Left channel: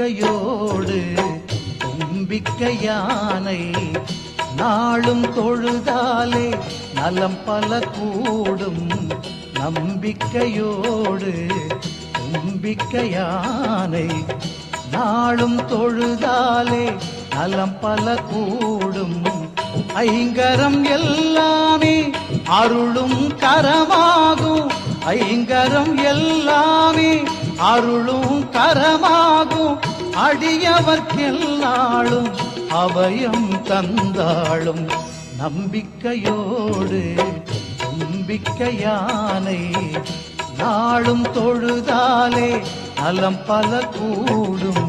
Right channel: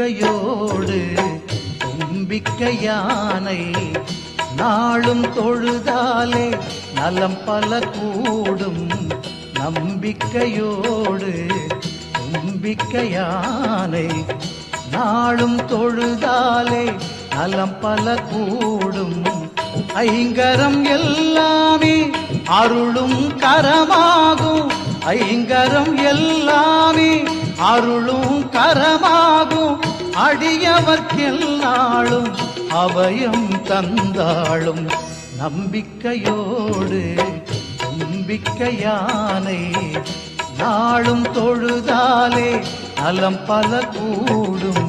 நம்பிக்கையோடு தும்பிக்கை யானை நாளும் தொழுதாலே நலம் பல கூடும். நம்பிக்கையோடு தும்பிக்கை யானை நாளும் தொழுதாலே நலம் பல கூடும். ஐங்கரம் எல்லாமே அருளும் கரமாகும். ஐங்கரம் எல்லாமே அருளும் கரமாகும். அடியவர்க்கெல்லாளும் அபயம் தந்தாளும். நம்பிக்கையோடு தும்பிக்கை யானை நாளும் தொழுதாலே நலம் பல கூடும்.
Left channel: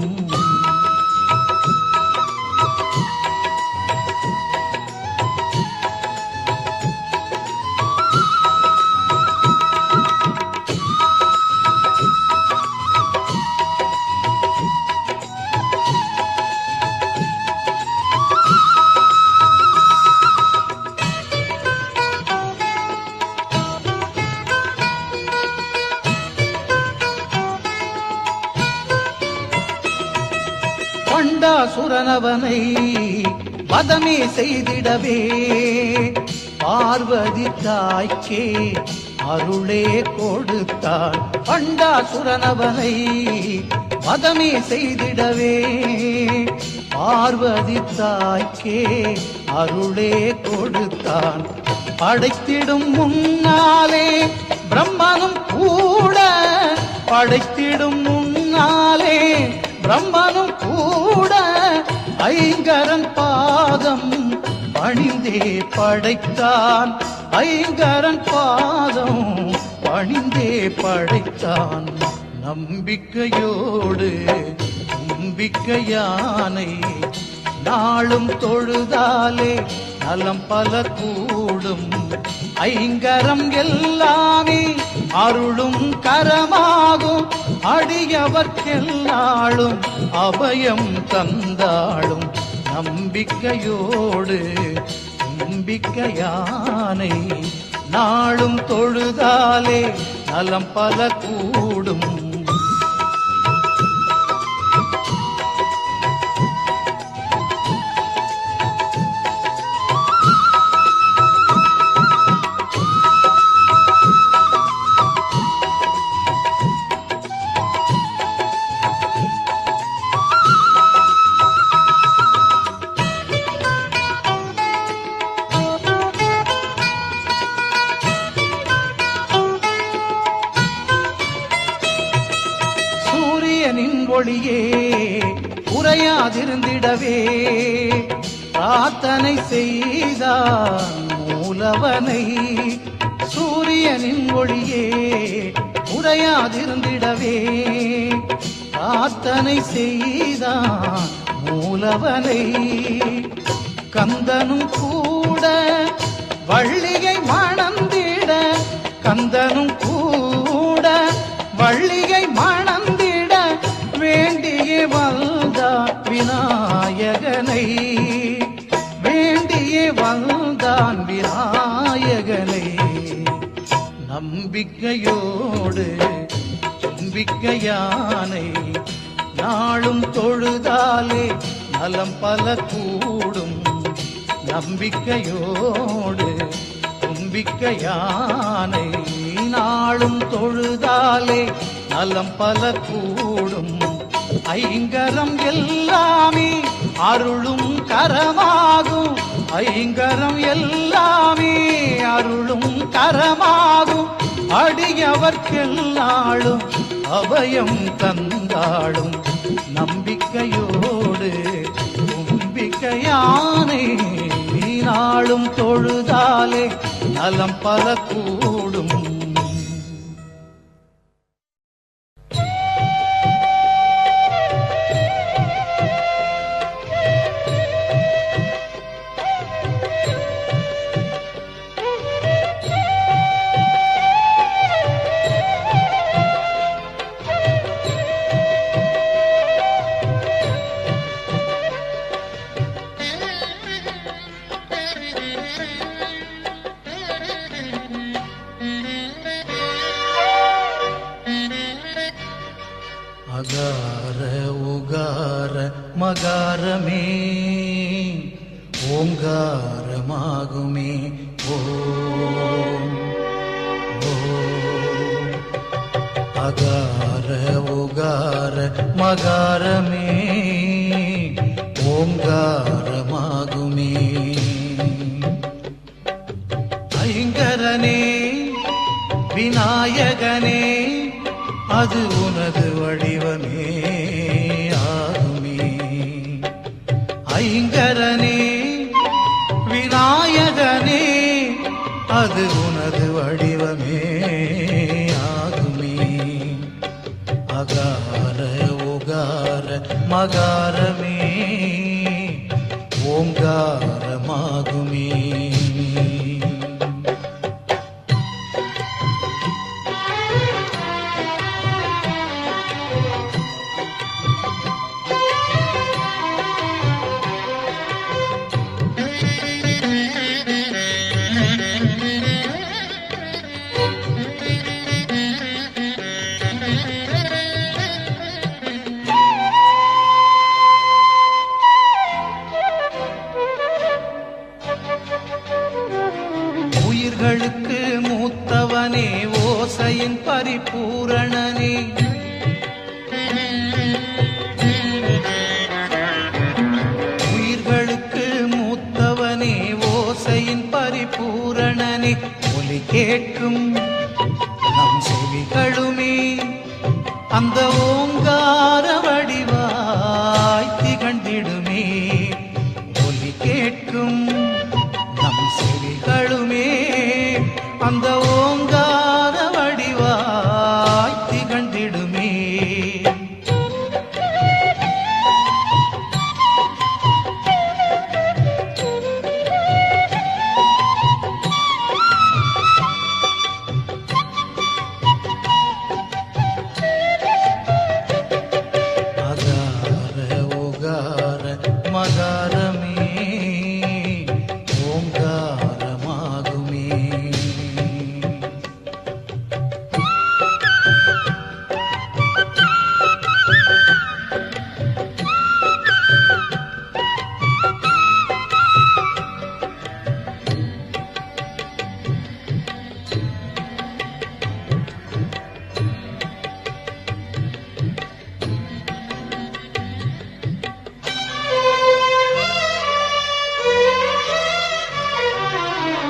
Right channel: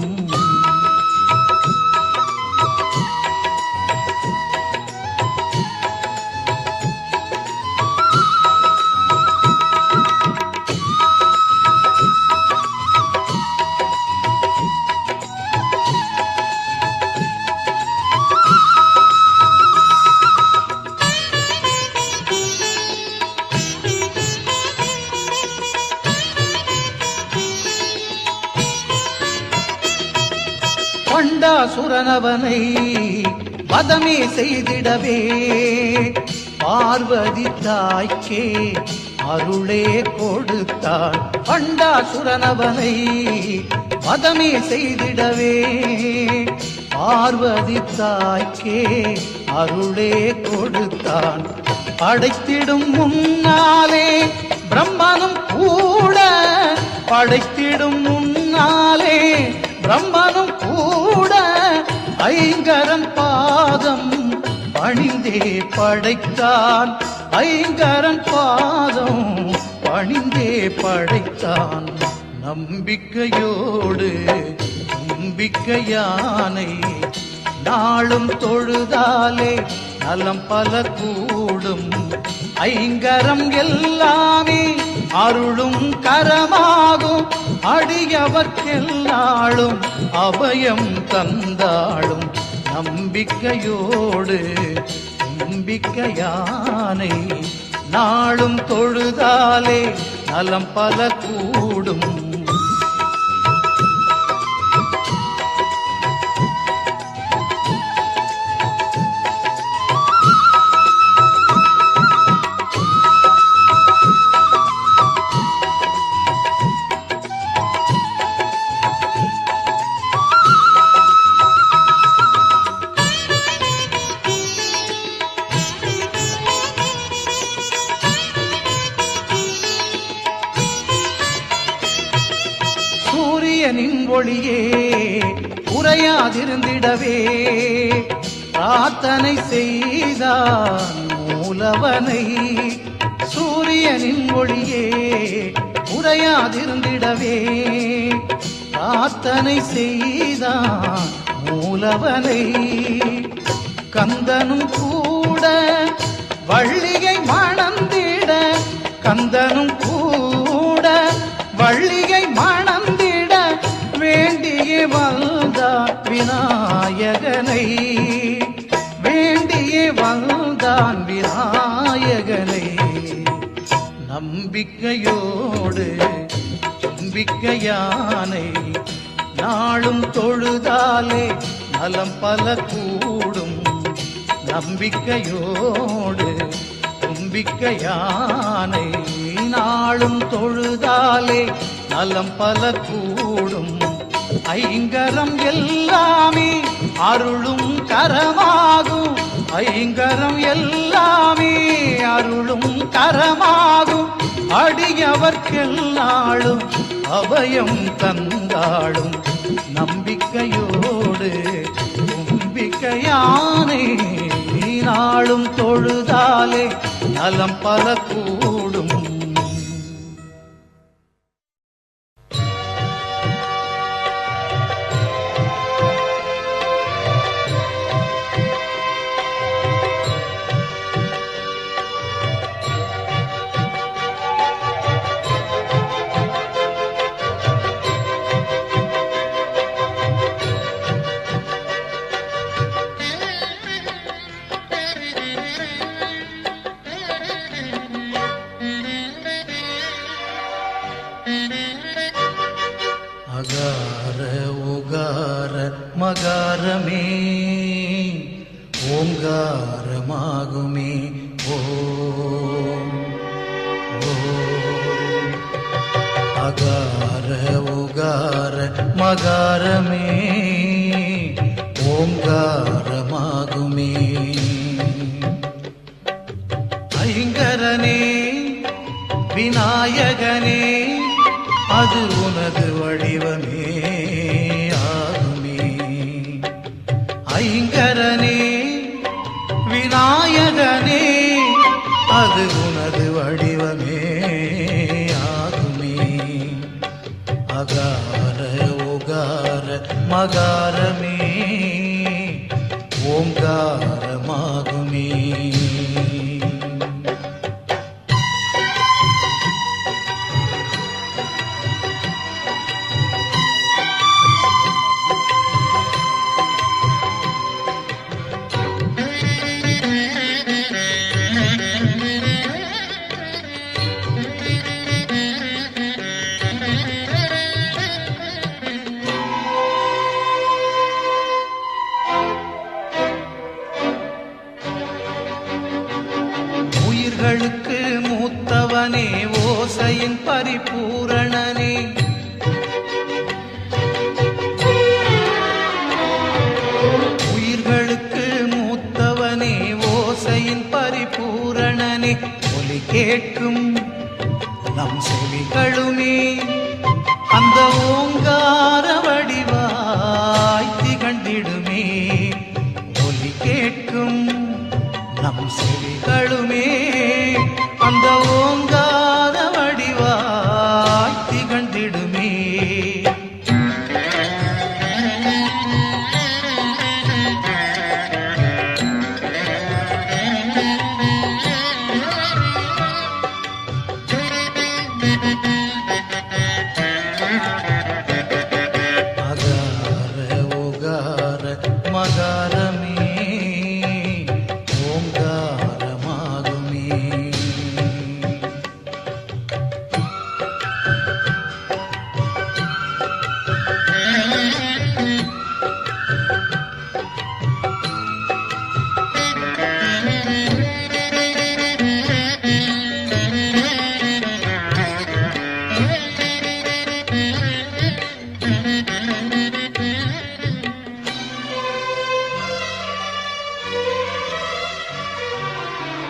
பண்டாசுரனவனை வதமே செய்திடவே பார்வதி தாய்க்கே அருளே கொடுத்தாள். பண்டாசுரனவனை வதமே செய்திடவே பார்வதி தாய்க்கே அருளே கொடுத்தான். படைத்திடும் முன்னாலே பிரம்மனும் கூட, படைத்திடும் முன்னாலே பிரம்மனும் கூட ஐங்கரன் பாதம் பணிந்தே படைத்தான். ஐங்கரன் பாதம் பணிந்தே படைத்தான். நம்பிக்கையோடு தும்பிக்கை யானை நாளும் தொழுதாலே நலம் பல கூடும். ஐங்கரம் எல்லாமே அருளும் கரமாகும். அடியவர்க்கெல்லாளும் அபயம் தந்தாளும். நம்பிக்கையோடு தும்பிக்கை யானை நாளும் தொழுதாலே நலம் பல கூடும். சூரியனின் ஒளியே குறையாதிருந்திடவே பிரார்த்தனை செய்தான் மூலவனை. சூரியனின் ஒளியே குறையாதிருந்திடவே பிரார்த்தனை செய்தான் மூலவனை. கந்தனும் கூட வள்ளியை மணந்திட, கந்தனும் கூட வள்ளியை மணந்திட வேண்டிய வந்தான் விநாயகனை. வேண்டிய வந்தான் விநாயகனை. நம்பிக்கையோடு தும்பிக்கை யானை நாளும் தொழுதாலே நலம் பல கூடும். நம்பிக்கையோடு தும்பிக்கை யானை நாளும் தொழுதாலே நலம் பல கூடும். ஐங்கரம் எல்லாமே அருளும் கரமாகும். ஐங்கரம் எல்லாமே அருளும் கரமாகும். அடியவர்க்கெல்லாளும் அபயம் தந்தாளும். நம்பிக்கையோடு தும்பிக்கை யானை நாளும் தொழுதாலே நலம் பல கூடும். மகாரமே ஓங்காரமாகுமே. ஓம் ஓம் அகார உகார மகாரமே ஓங்காரமாகுமே. ஐங்கரனே விநாயகனே அது உனது வடிவமே ஆகுமே. ஐங்கரனே விநாயகனே அது உனது வடிவமே ஆகுமே. அகார உகார மகாரமே ஓங்காரமாகுமே. உயிர்களுக்கு மூத்தவனே ஓசையின் பரிபூரணனே. உயிர்களுக்கு மூத்தவனே ஓசையின் பரிபூரணனே. ஒலி கேட்கும் நம் செவிகளுமே அந்த ஓங்கார வடிவாய் திகழ்ந்திடுமே. ஒலி கேட்கும் நம் செவிகளுமே அந்த ஓங்கார வடிவாய் திகழ்ந்திடுமே. அகார உகார மகாரமே ஓங்காரமாகுமே.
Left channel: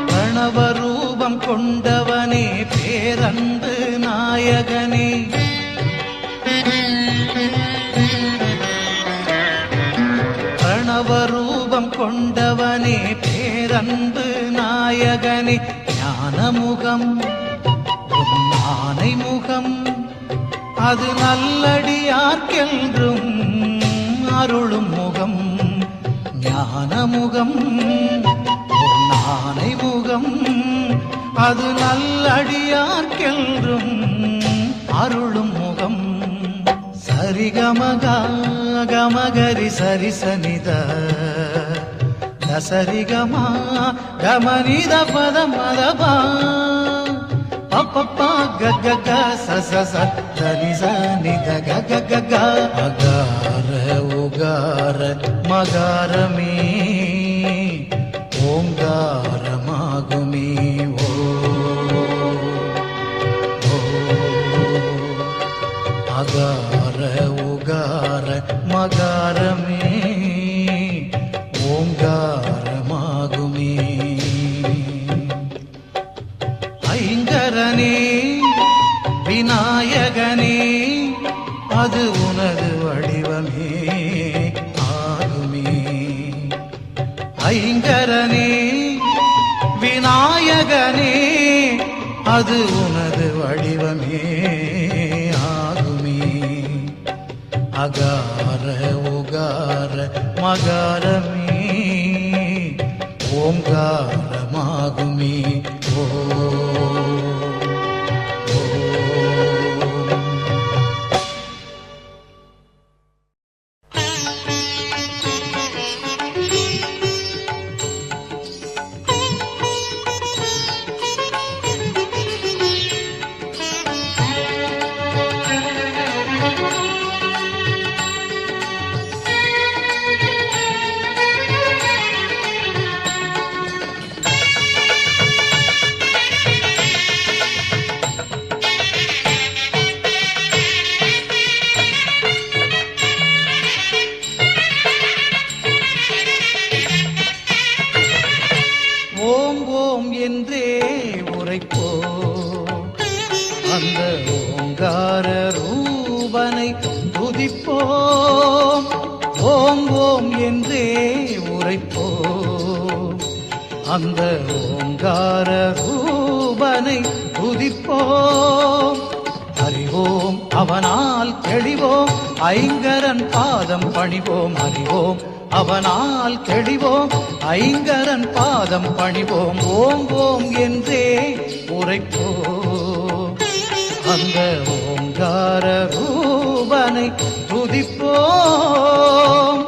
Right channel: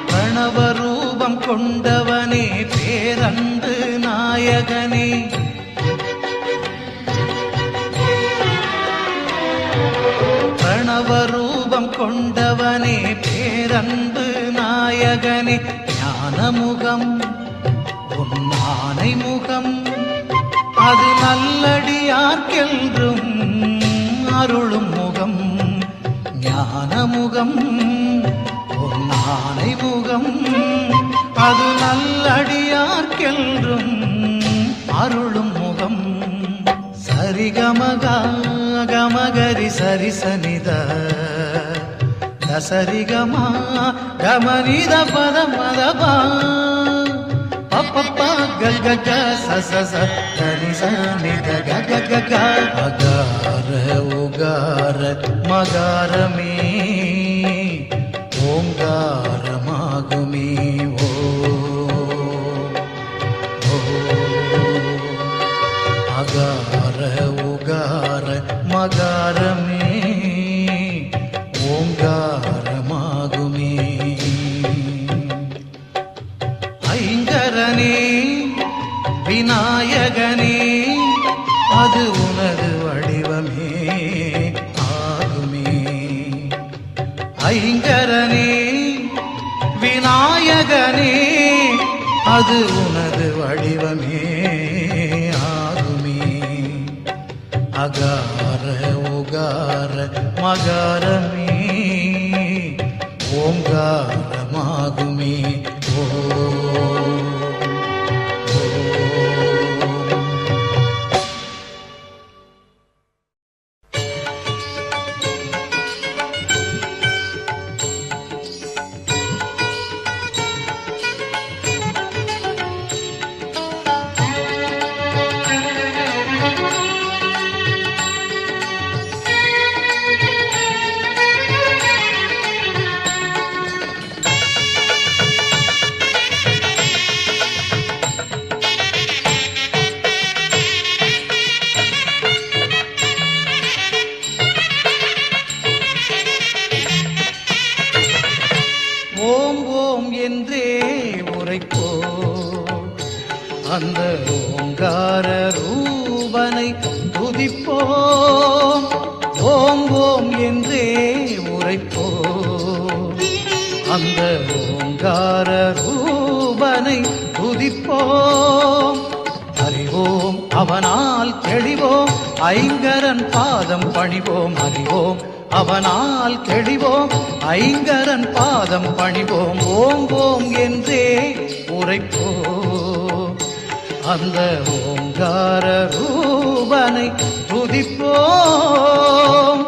பிரணவரூபம் கொண்டவனே பேரன்பு நாயகனே. பிரணவரூபம் கொண்டவனே பேரன்பு நாயகனே. ஞானமுகம் உன் ஆனை முகம் அது நல்லடியார்க்கென்றும் அருளும் முகம். ஞானமுகம் ஆனை முகம் அது நல்லடியார்க்கென்றும் அருளும் முகம். சரிகமக கமகரி சரிசனித சரிகமா கமனித பத மதபா பப்பப்பா கக சச சரி சனித கக. அகார உகார மகாரமே ஓங்காரமாகுமே. ஓ அகார உகார மகாரமே ஓங்காரமாகுமே. ஐங்கரனே விநாயகனே அது உனது வடிவமே ஆகுமே. ஐங்கரனே விநாயகனே அது உனது வடிவமே ஆகுமே. அகார உகார மகாரமே ஓங்காரமாகுமே. ஓ உரைப்போம். அந்த ஓங்கார ரூபனை துதிப்போம். ஓம் ஓம் என்றே உரைப்போம். அந்த ஓங்கார ரூபனை துதிப்போம். அறிவோம் அவனால் தெளிவோம், ஐங்கரன் பாதம் பணிவோம். அறிவோம் அவனால் தெளிவோம், ஐங்கரன் பாதம் பணிவோம். ஓம் ஓம் என்றே உரைப்போம். அந்த ஓங்கார ரூபனை துதிப்போம்.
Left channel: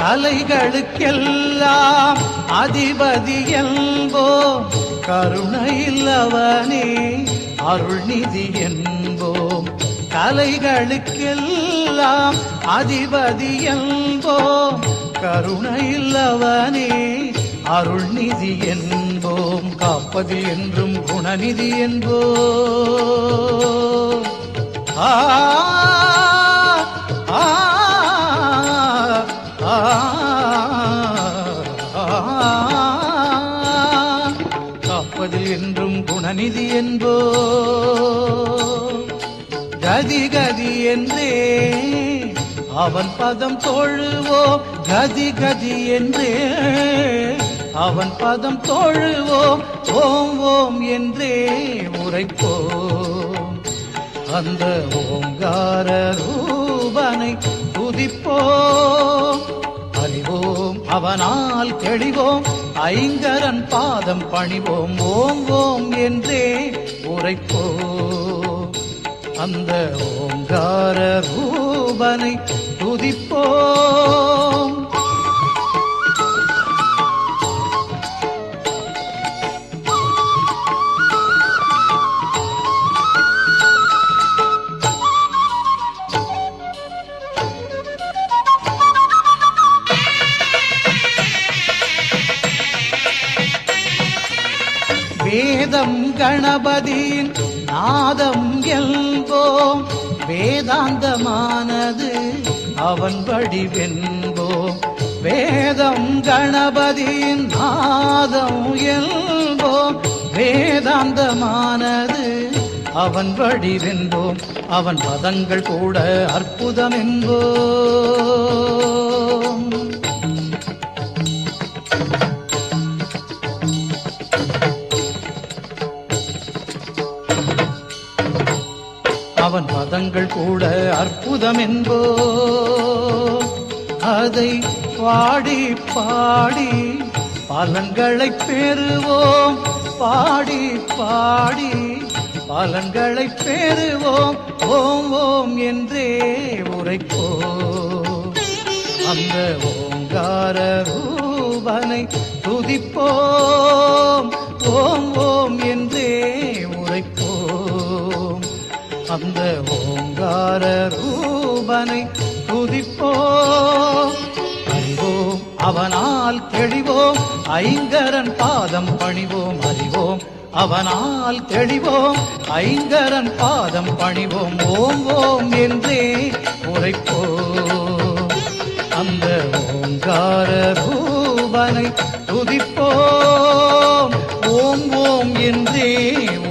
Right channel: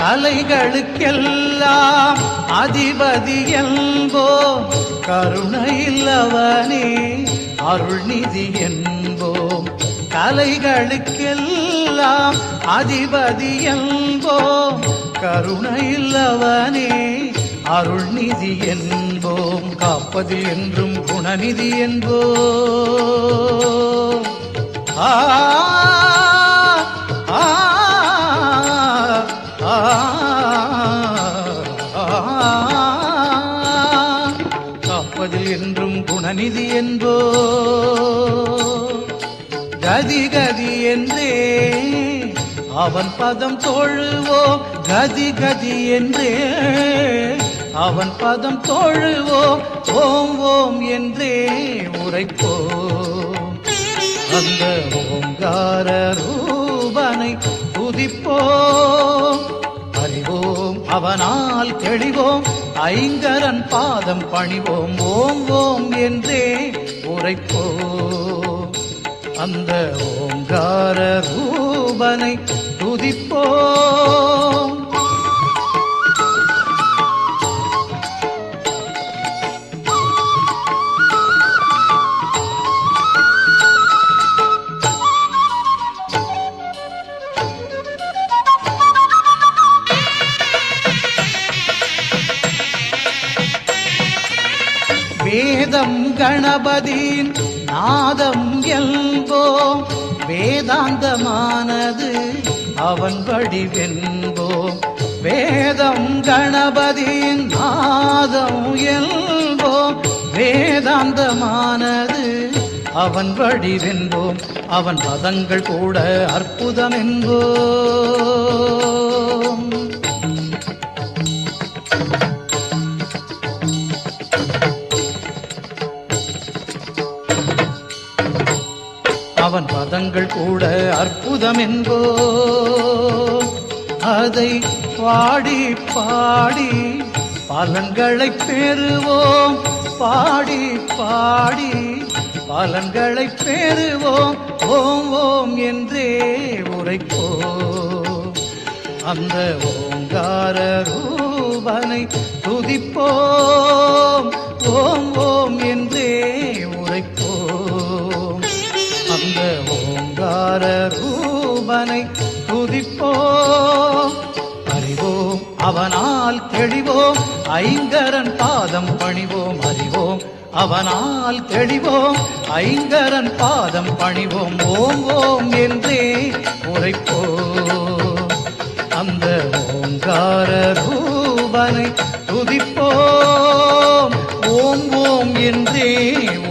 கலைகளுக்கெல்லாம் அதிபதி என்போம், கருணையில்லவனே அருள்நிதி என்போம். கலைகளுக்கெல்லாம் அதிபதி என்போம், கருணையில்லவனே அருள்நிதி என்போம். காப்பது என்றும் குணநிதி என்போம். ஆ ஆ காப்பதில் என்றும் குணநிதி என்போ. கதி கதி என்றே அவன் பதம் தொழுவோம். கதி கதி என்றே அவன் பதம் தொழுவோம். ஓம் ஓம் என்றே உரைப்போம். அந்த ஓங்கார ரூபனை துதிப்போம். அறிவோம் அவனால் தெளிவோம், ஐங்கரன் பாதம் பணிவோம். ஓம் ஓம் என்றே உரைப்போம். அந்த ஓங்கார ரூபனை துதிப்போம். வேதம் கணபதியின் நாதம் என்போம். வேதாந்தமானது அவன் வடிவென்போம். வேதம் கணபதியின் நாதம் என்போம். வேதாந்தமானது அவன் வடிவென்போம். அவன் பதங்கள் கூட அற்புதம் என்போம். அவன் பதங்கள் கூட அற்புதம் என்போம். அதை பாடி பாடி பலன்களை பெறுவோம். பாடி பாடி பலன்களை பெறுவோம். ஓம் ஓம் என்றே உரைப்போம். அந்த ஓங்கார ரூபனை துதிப்போம். ஓம் ஓம் என்றே உரைப்போம். அந்த ஓங்கார ரூபனை துதிப்போம். அறிவோம் அவனால் தெளிவோம், ஐங்கரன் பாதம் பணிவோம். அறிவோம் அவனால் தெளிவோம், ஐங்கரன் பாதம் பணிவோம். ஓம் ஓம் என்றே உரைப்போம். அந்த ஓங்கார ரூபனை துதிப்போம். ஓம் ஓம் என்றே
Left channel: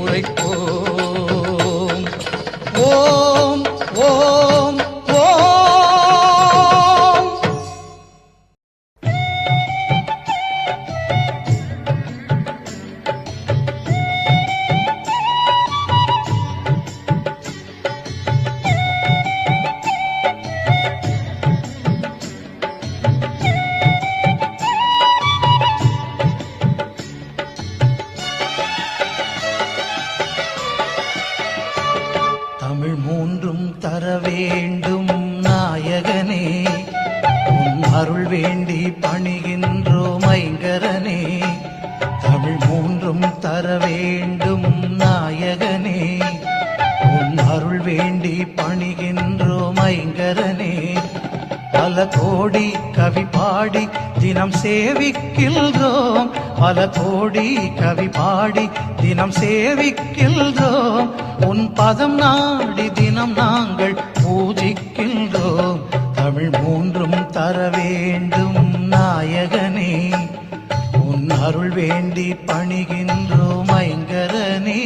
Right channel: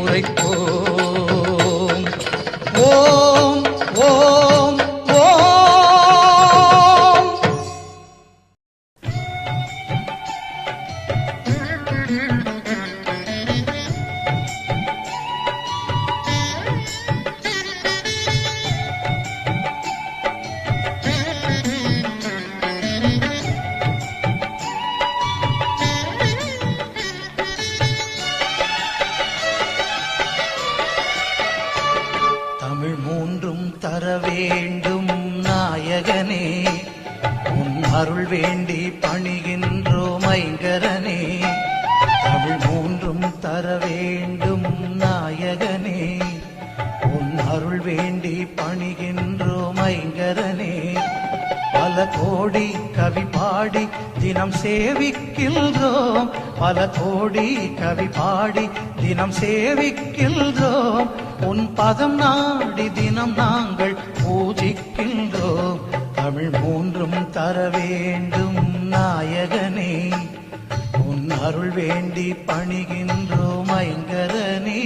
உரைப்போம். ஓம் ஓம் ஓம். தமிழ் மூன்றும் தர வேண்டும் நாயகனே, உன் அருள் வேண்டி பணிகின்றோம் ஐங்கரனே. தமிழ் மூன்றும் தர வேண்டும் நாயகனே, உன் அருள் வேண்டி பணிகின்றோம் ஐங்கரனே. பல கோடி கவி பாடி தினம் சேவிக்கின்றோம், பல கோடி கவி பாடி தினம் சேவிக்கின்றோம். உன் பதம் நாடி தினம் நாங்கள் பூஜிக்கின்றோம். தமிழ் மூன்றும் தர வேண்டும் நாயகனே, உன் அருள் வேண்டி பணிகின்றோம் ஐங்கரனே.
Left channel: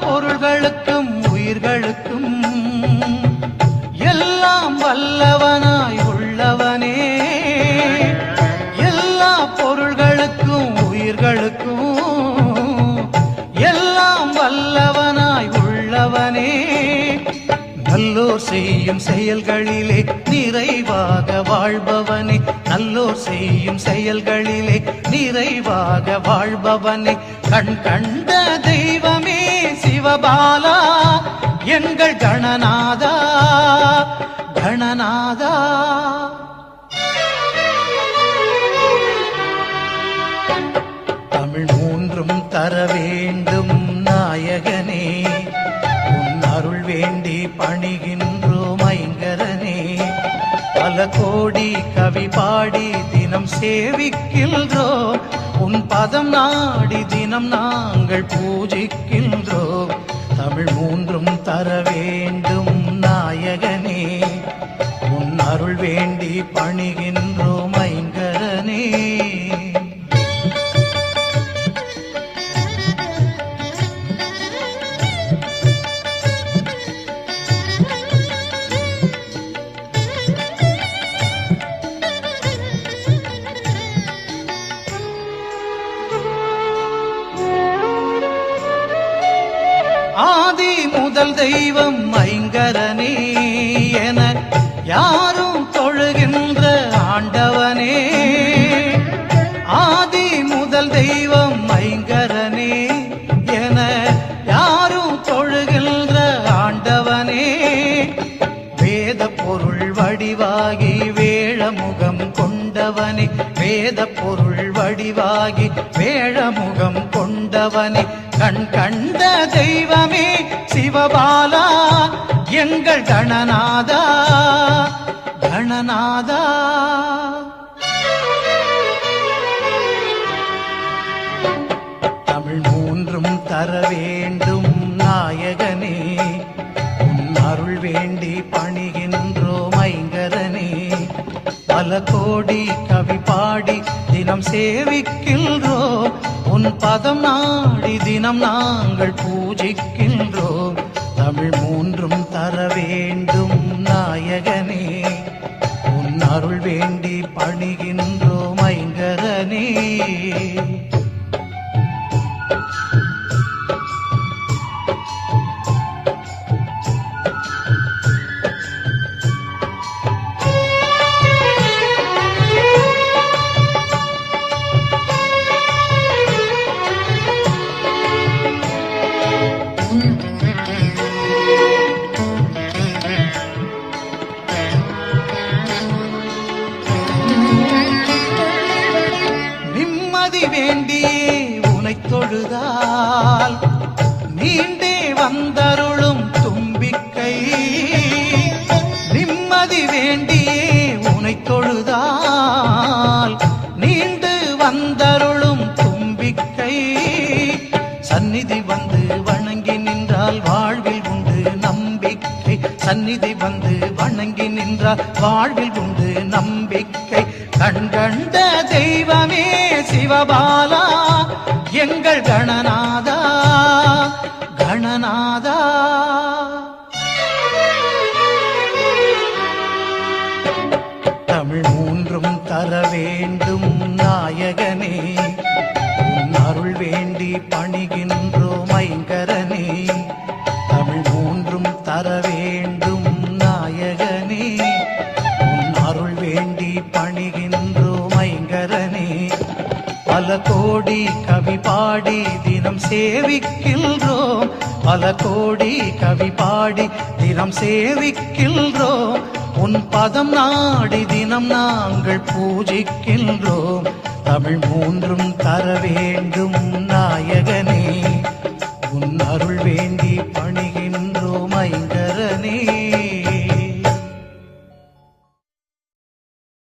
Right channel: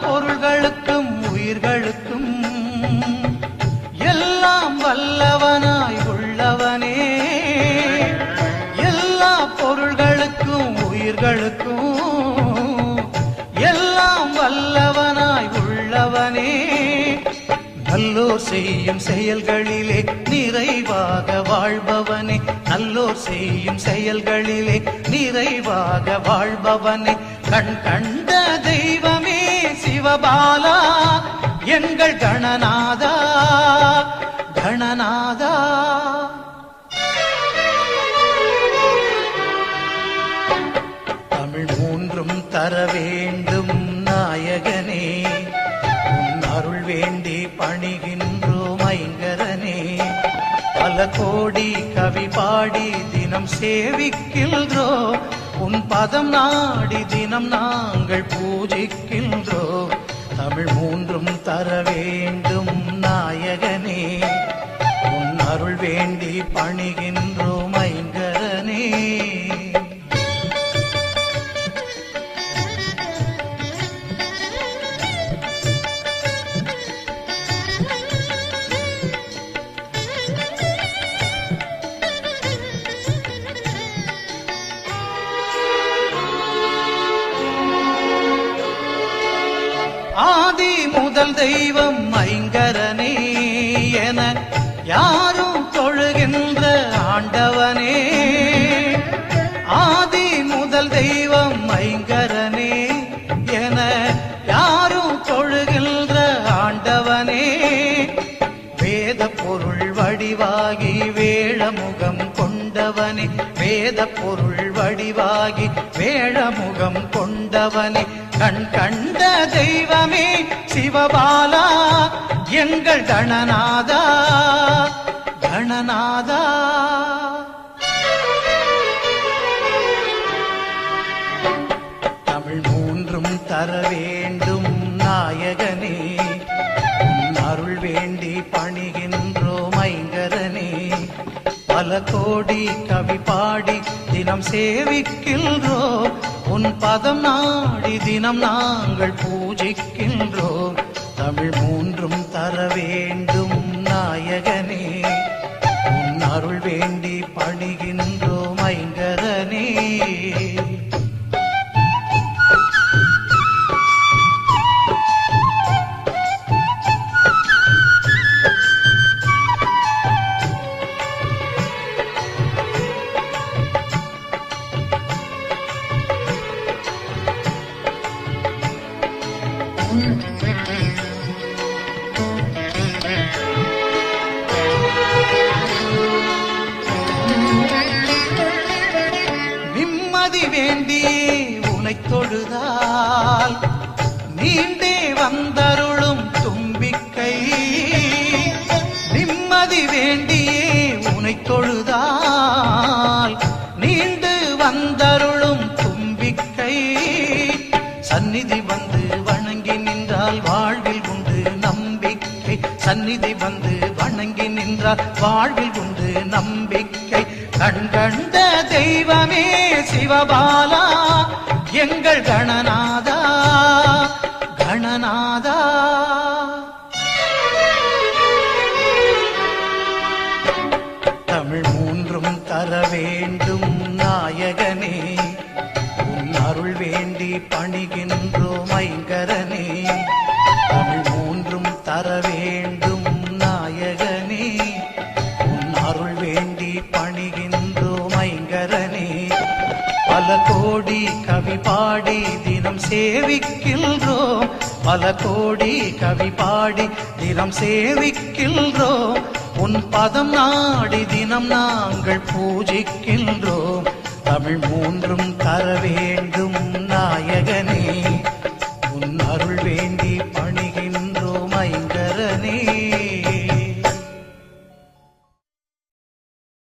பொருள்களுக்கும் உயிர்களுக்கும் எல்லாம் வல்லவனாய் உள்ளவனே, எல்லா பொருள்களுக்கும் உயிர்களுக்கும் எல்லாம் வல்லவனாய் உள்ளவனே. நல்லோர் செய்யும் செயல்களிலே நிறைவாக வாழ்பவனே, நல்லோர் செய்யும் செயல்களிலே நிறைவாக வாழ்பவனே. கண் கண்ட தெய்வமே சிவபாலா, எங்கள் கணநாதா கணநாதா. தமிழ் மூன்றும் தர வேண்டும் நாயகனே, உன் அருள் வேண்டி பணிகின்றோம் ஐங்கரனே. பல கோடி கவி பாடி தினம் சேவிக்கின்றோம், உன் பதம் நாடி தினம் நாங்கள் பூஜிக்கின்றோம். தமிழ் மூன்றும் தர வேண்டும் நாயகனே, உன் அருள் வேண்டி பணிகின்றோம் ஐங்கரனே. ஆதி முதல் தெய்வம் ஐங்கரனே என யாரும் தொழுகின்ற ஆண்டவனே, ஆதி முதல் தெய்வம் ஐங்கரனே என யாரும் தொழுகின்ற ஆண்டவனே. வேத பொருள் வடிவாகி வேழமுகம் கொண்டவனே, வேத பொருள் வடிவாகி வேழமுகம் கொண்டவனே. கண் கண்ட தெய்வமே சிவபாலா, எங்கள் கணநாதா கணநாதா. தமிழ் மூன்றும் தர வேண்டும் நாயகனே, உன் அருள் வேண்டி பணிகின்றோம் ஐங்கரனே. பல கோடி கவி பாடி தினம் சேவிக்கின்றோம், உன் பதம் நாடி தினம் நாங்கள் பூஜிக்கின்றோம். தமிழ் மூன்றும் தர வேண்டும் நாயகனே, உன் அருள் வேண்டி பணிகின்றோம் ஐங்கரனே. நிம்மதி வேண்டியே உனை தொழுதால் நீண்டே வந்தருளும் தும்பிக்கை, நிம்மதி வேண்டியே உனை தொழுதால் நீண்டு வந்தருளும் தும்பிக்கை. சந்நிதி வந்து வணங்கி நின்றால் வாழ்வில் உண்டு நம்பிக்கை, சந்நிதி வந்து வணங்கி நின்றால் வாழ்வில் உண்டு நம்பிக்கை. கண் கண்ட தெய்வமே சிவபாலா, எங்கள் கணநாதா கணநாதா. தமிழ் மூன்றும் தர வேண்டும் நாயகனே, உன் அருள் வேண்டி பணிகின்றோம் ஐங்கரனே. தமிழ் மூன்றும் தர வேண்டும் நாயகனே. பாடி தினம் சேவிக்கின்றோம், பல கோடி கவி பாடி தினம் சேவிக்கின்றோம். உன் பதம் நாடி தினம் நாங்கள் பூஜிக்கின்றோம். தமிழ் மூன்றும் தர வேண்டும்